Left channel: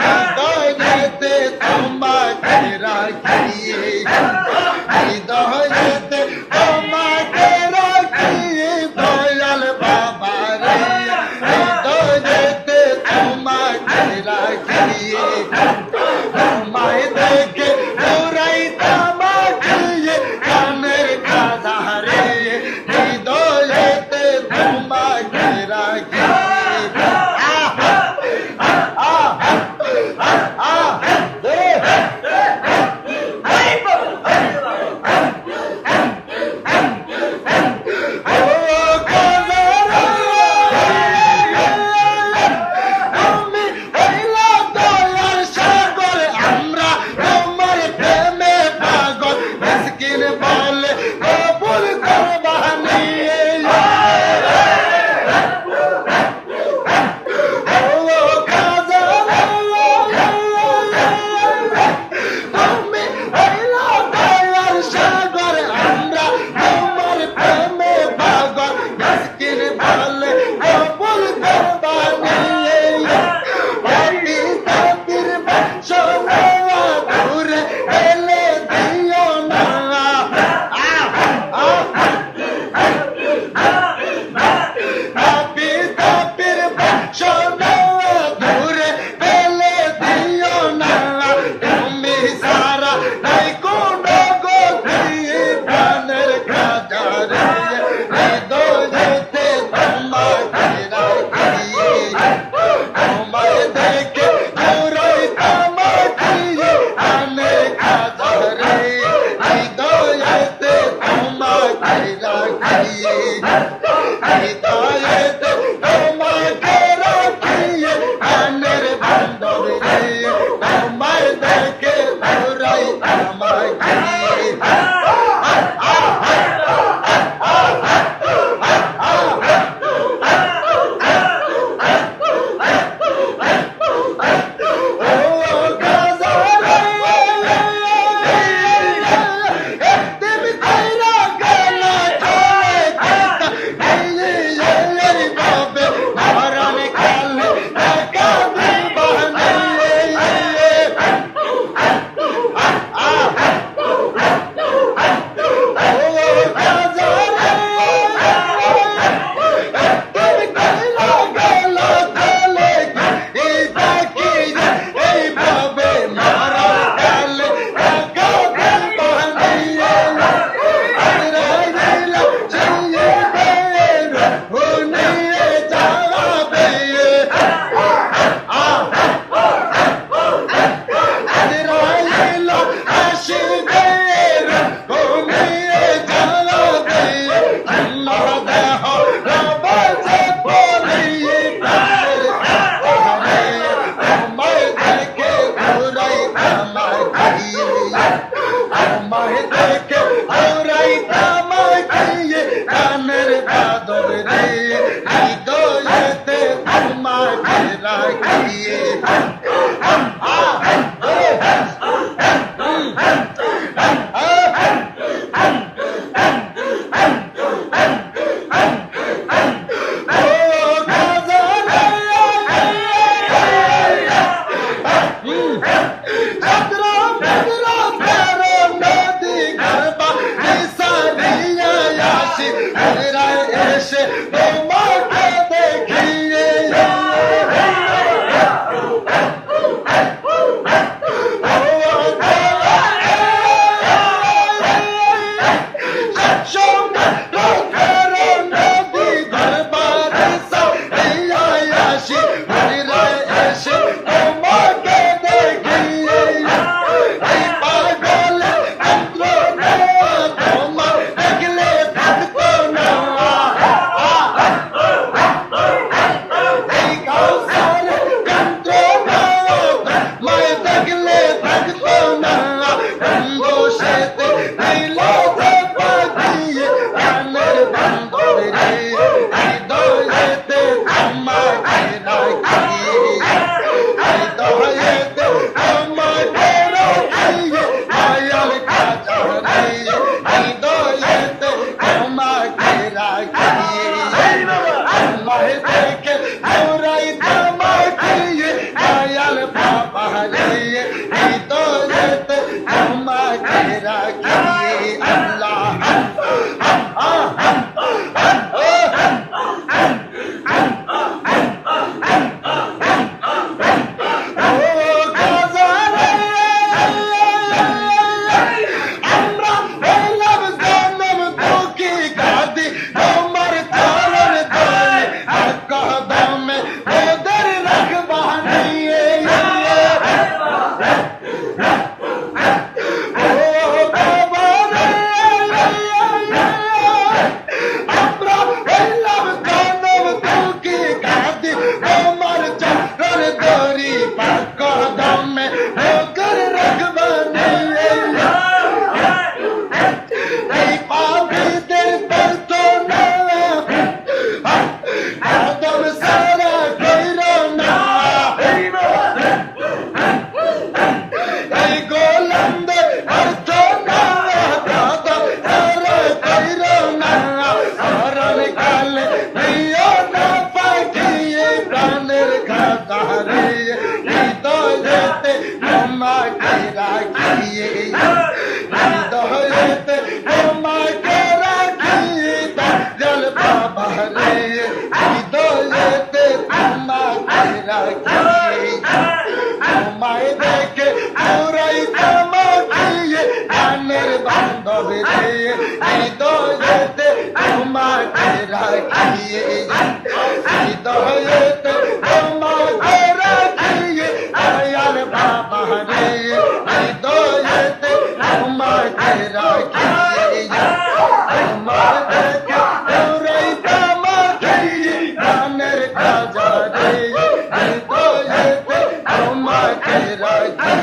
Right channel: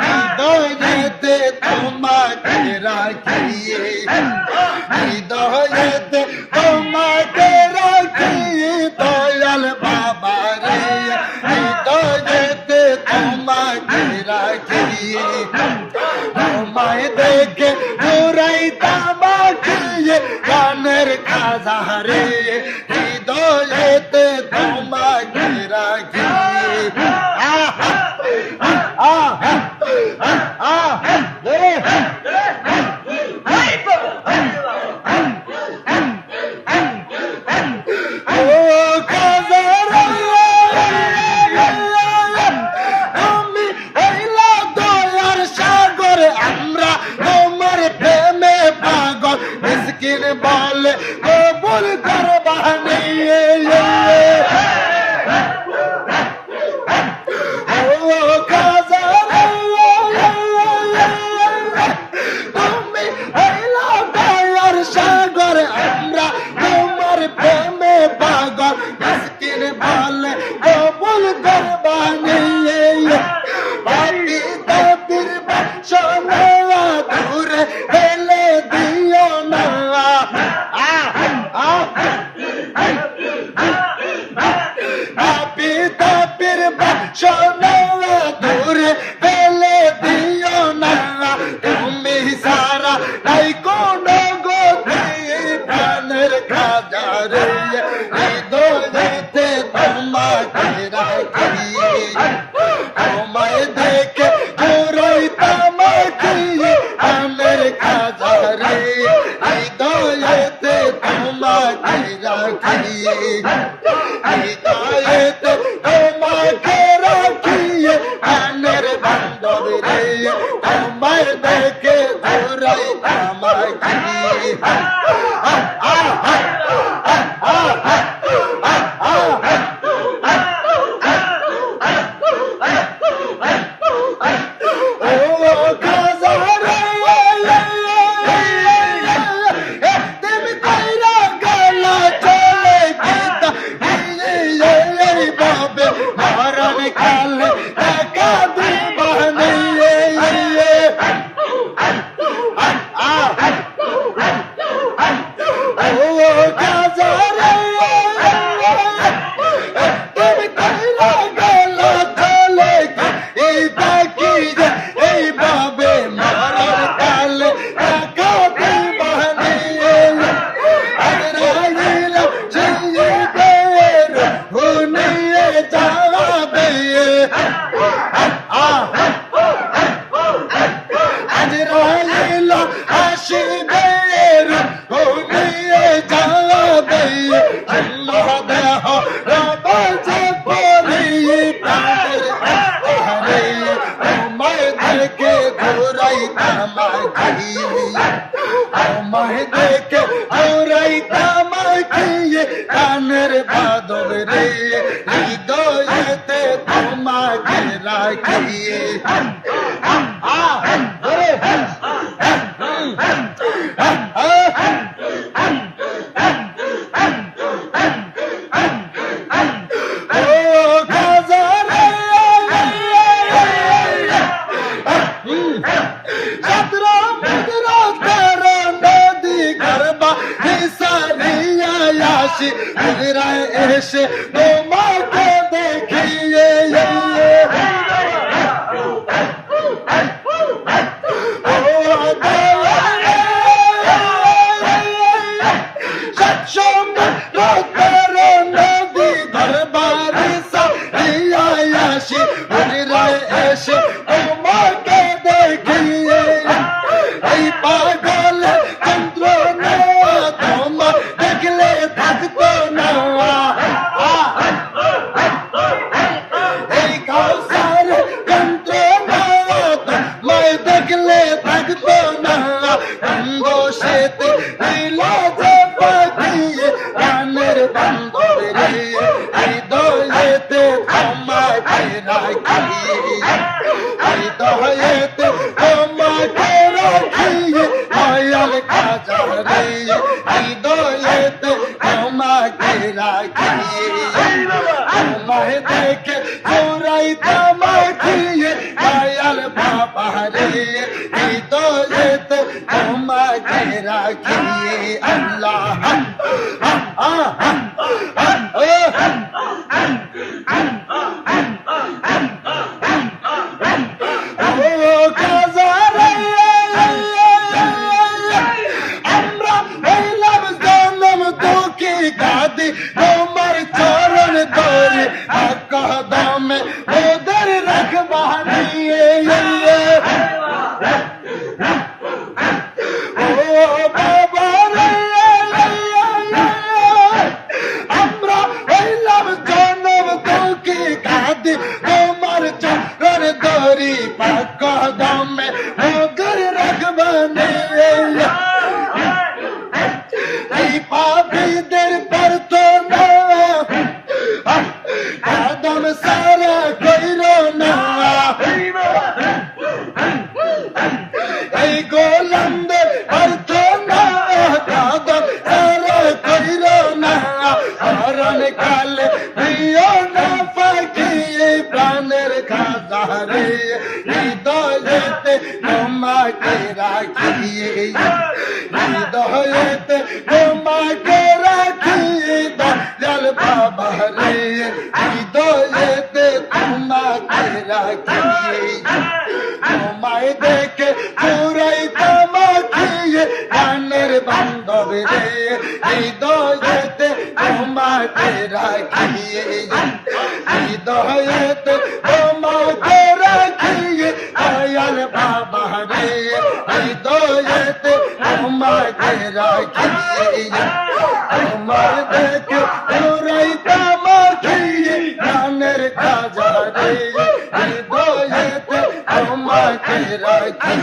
হৃদয়েতে তোমাকে রাখিয়ে, হৃদয়েতে তোমাকে রাখিয়ে দয়াল বাবা রে, হৃদয়েতে তোমাকে রাখিয়ে, তোমায় দেখে ঘুরাইতাম আঁকিয়ে গানের খাজা রে, হৃদয়েতে তোমাকে রাখিয়ে। বলে কবুল করবানি তুমি হইলা দয়ার সাগর, আমরা তোমার প্রেমে পাগল, মিসকিন বলে কবুল করবানি। অতীতের বাসনা ঘুরে ফেলে দিও না, অতীতের বাসনা ঘুরে ফেলে দিও না, তুমি সারা নাই কোনো গতি প্রাণের খাজা রে, হৃদয়েতে তোমাকে রাখিয়ে, তোমায় দেখে ঘুরাইতাম আঁকিয়ে প্রাণের খাজা রে, হৃদয়েতে তোমাকে রাখিয়ে, হৃদয়েতে তোমাকে রাখিয়ে প্রাণের বান্ধব রে, তোমায় দেখে ঘুরাইতাম আঁকিয়ে। তোমায় দেখে ঘুরাইতাম আঁকিয়ে গানের বাদল রে, হৃদয়েতে তোমাকে রাখিয়ে। এসে তোমাকে দেখিয়ে রে হৃদয়েতে তোমাকে রাখি আল্লাহ হৃদয়েতে তোমাকে রাখি দয়াল বাবা রে হৃদয়েতে তোমাকে রাখি তোমায় দেখে পুরাই তোমাকে গানের বান্ধব রে হৃদয়েতে তোমাকে রাখি হৃদয়েতে তোমাকে রাখি দয়াল বাবা রে হৃদয়েতে তোমাকে রাখি তোমার দেখে পুরাই তোমাকে গানের বাজা রে হৃদয়েতে তোমাকে রাখি